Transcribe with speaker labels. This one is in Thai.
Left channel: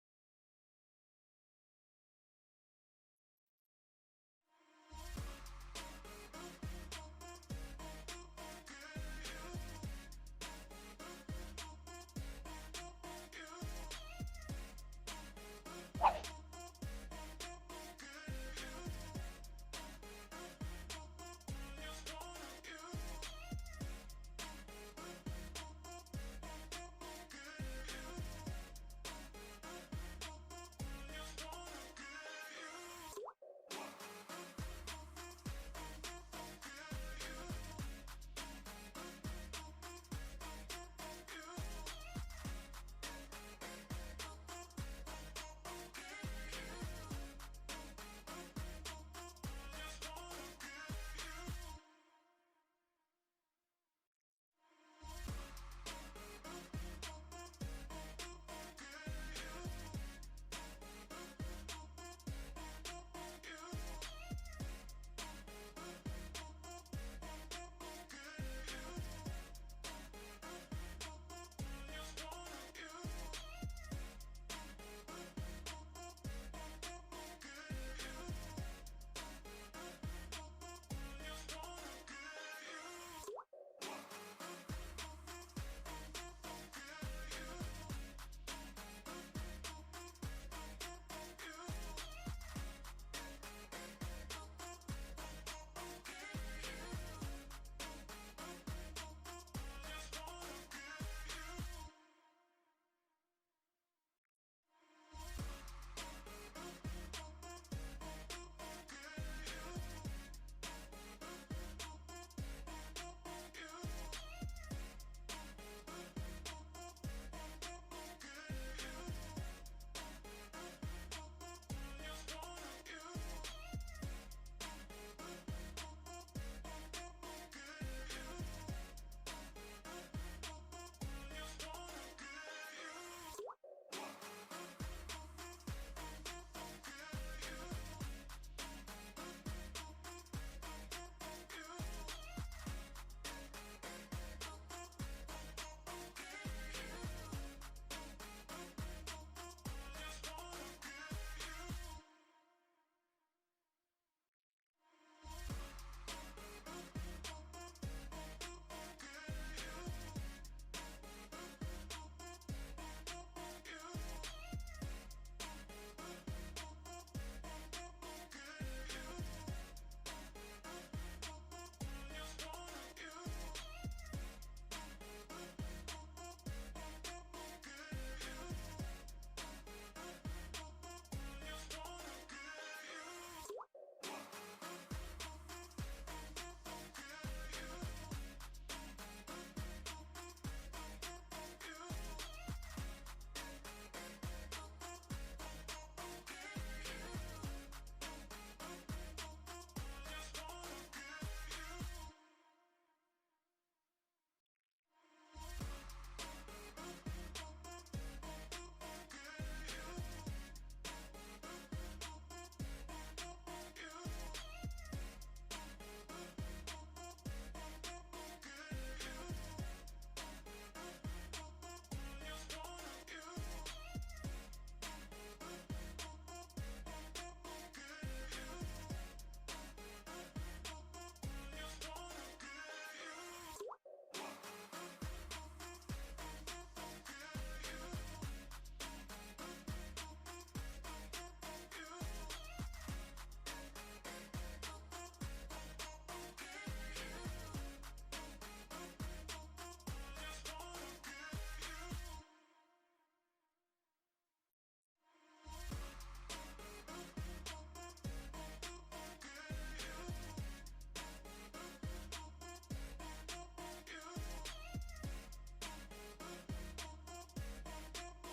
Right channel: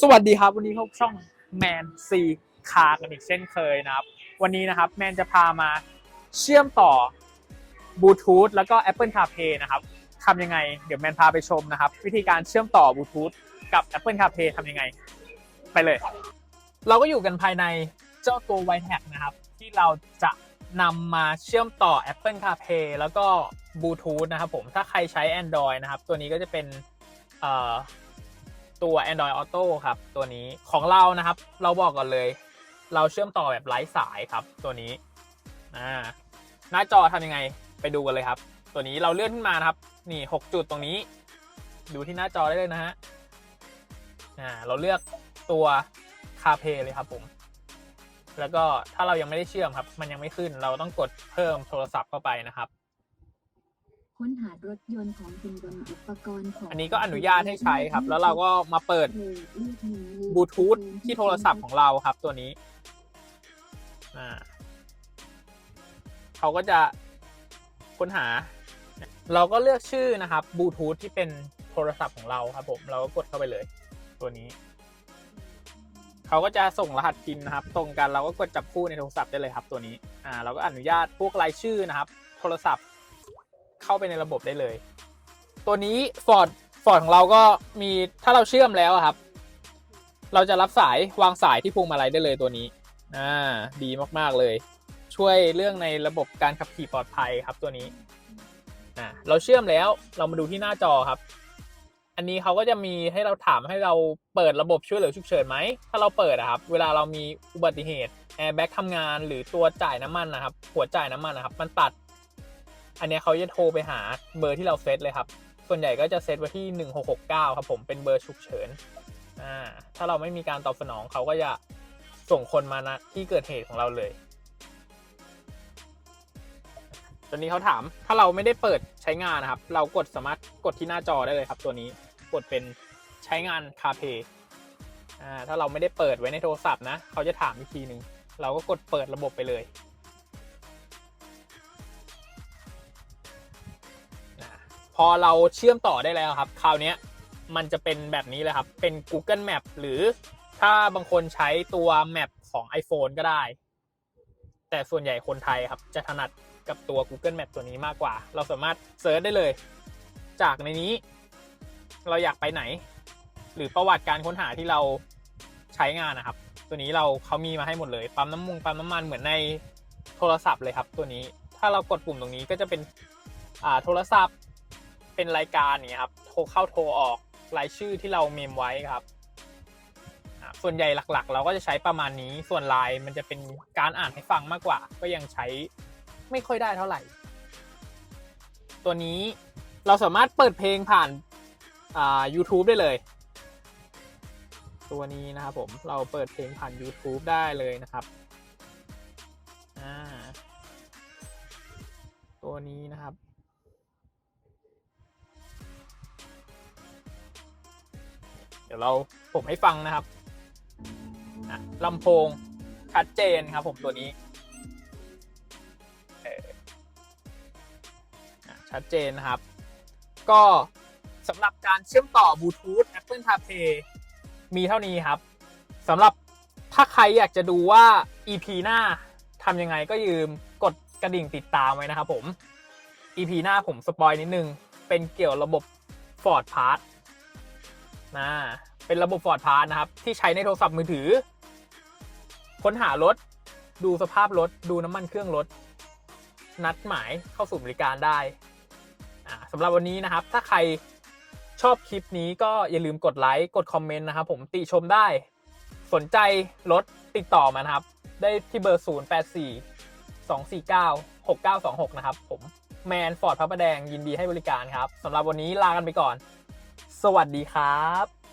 Speaker 1: สวัสดีครับ วันนี้พบช่องแมนซีคากันอีกเช่นเคยนะครับ วันนี้นะครับแมนจะพามาเชื่อมต่อบลูทูธแล้วก็ Apple CarPlay นะครับทำยังไง เดี๋ยวแมนพาไปชมนะครับ วิธีการเชื่อมต่อบลูทูธกับ Apple CarPlay ทำยังไง ไปเลย เราก็อยู่กันภายในเจ้าตัว w i t e นะครับ ที่เราจะนำมาเชื่อมต่อ Apple CarPlay แล้วก็บลูทูธนะครับผมถ้าใครใช้ Android นะครับ ตัวนี้ก็จะเป็น ตัว Android Auto ครับ ตัวนี้ของเรานะครับ เราบอกก่อนเลย เราเชื่อมต่อแบบไร้สายครับ ตัวนี้อ่าหน้าจอทำยังไงไปดูกันเลยครับ ตัวนี้เราเลื่อนขึ้นมานะครับ นี่ 6 จุดตรงนี้ ดูที่หน้าจอได้เลยนะฮะอ่าเราเลือกตัว CarPlay เลยครับผม แล้วก็ถ้าเรายังไม่ได้เชื่อมครับ มันยังไม่ขึ้นเราต้องกดเพิ่มโทรศัพท์เข้าไปนะครับ
Speaker 2: ค้นหารถยนต์ของคุณบนอุปกรณ์ของ
Speaker 1: อันนี้ก็อนุญาตให้ใช้ครับ แล้วเราก็มาเปิดบลูทูธที่โทรศัพท์ของเราครับตัวนี้อ่าเขาก็จะค้นหา เราก็เลือกชื่อนะครับบลูทูธที่เป็นโทรศัพท์ของเราครับผมเราก็กดเข้าไปเลย ตัวนี้เขาก็จะส่งรหัสพินนะครับ ตรงกันเราก็กดจับคู่ในโทรศัพท์ได้เลยครับตัวนี้อ่าเราก็อนุญาตพวกรายชื่อนะครับ โทรศัพท์ เข้าไปในระบบได้เลย ตัวนี้ฟอร์ดฟอร์ดของเราก็มีถ้าเราเชื่อมแล้วครับ เราจะรับสายวางสายที่พวงมาลัยได้เลยตัวนี้อ่าดีมากๆเลย ช่วยเรื่องในระบบการขับขี่ปลอดภัยครับตัวนี้อ่าเราเชื่อมแล้วเรามาดูที่หน้าจอครับ อันนี้เขาก็จะมีให้เราถามให้เราเปิดระบบช่วยเหลือฉุกเฉินไหม ถ้าเราเปิดอะครับ เวลาเรามีอุบัติเหตุแอร์แบ็กทำงานหรือตัวจ่ายน้ำมันนะครับ หัวจ่ายน้ำมันนะครับ มันตัด อันนี้เขาจะโทรไปหาเบอร์ที่เราเซตเลยครับ ส่วนใหญ่ก็จะเซตไว้ที่ 1669 ครับผมเป็นเบอร์ฉุกเฉินอ่าถ้าเราไม่มีการตอบสนองเขาก็จะส่งคนมาณที่เกิดเหตุของเราเลยตอนนี้เขาถามถ้าเราไม่ได้เปิดใช้งานนะครับ เรากดสามารถกดที่หน้าจอได้เลยครับ ตัวนี้กดเป็นใช้งาน CarPlay อ่าถ้าเราไม่ได้เปิดไว้ในโทรศัพท์นะ เขาจะถามอีกทีหนึ่งเราก็กดเปิดระบบไปเลย พอเราเชื่อมต่อได้แล้วครับ คราวนี้มันจะเป็นแบบนี้เลยครับ เป็น Google Map หรือถ้าบางคนใช้ตัว Map ของ iPhone ก็ได้ แต่ส่วนใหญ่คนไทยครับ จะถนัดกับตัว Google Map ตัวนี้มากกว่า เราสามารถเซิร์ชได้เลย จากในนี้ เราอยากไปไหน หรือประวัติการค้นหาที่เราใช้งานนะครับ ตัวนี้เราเขามีมาให้หมดเลยปั๊มน้ำมุงปั๊มน้ำมันเหมือนในโทรศัพท์เลยครับ ตัวนี้ ถ้าเรากดปุ่มตรงนี้ก็จะเป็นโทรศัพท์ เป็นรายการเนี่ยครับโทรเข้าโทรออกรายชื่อที่เราเมมไว้ครับ ส่วนใหญ่หลักๆ เราก็จะใช้ประมาณนี้ส่วนไลน์มันจะเป็นการอ่านให้ฟังมากกว่า ก็ยังใช้ไม่ค่อยได้เท่าไหร่ ตัวนี้เราสามารถเปิดเพลงผ่านอ่า YouTube ได้เลย ตัวนี้นะครับผมเราเปิดเพลงผ่าน YouTube ได้เลยนะครับตัวนี้นะครับ ดี๋ยวเราผมให้ฟังนะครับลำโพงชัดเจนครับผมตัวนี้ชัดเจนนะครับ ก็สำหรับการเชื่อมต่อบลูทูธ Apple CarPlay มีเท่านี้ครับสำหรับถ้าใครอยากจะดูว่า EP หน้าทำยังไงก็ยืมกดกระดิ่งติดตามไว้นะครับผม EP หน้าผมสปอยนิดนึง เป็นเกี่ยวระบบ Ford Pass นะเป็นระบบ Ford Pass นะครับ ที่ใช้ในโทรศัพท์มือถือ ค้นหารถ ดูสภาพรถ ดูน้ำมันเครื่องรถ นัดหมายเข้าสู่บริการได้สำหรับวันนี้นะครับ ถ้าใครชอบคลิปนี้ก็อย่าลืมกดไลค์กดคอมเมนต์นะครับผมติชมได้ สนใจรถติดต่อมานะครับ ได้ที่เบอร์ 0 8 4 2 4 9 6 9 2 6 นะครับผมแมนฟอร์ดพระประแดงยินดีให้บริการครับสำหรับวันนี้ลากันไปก่อน สวัสดีครับ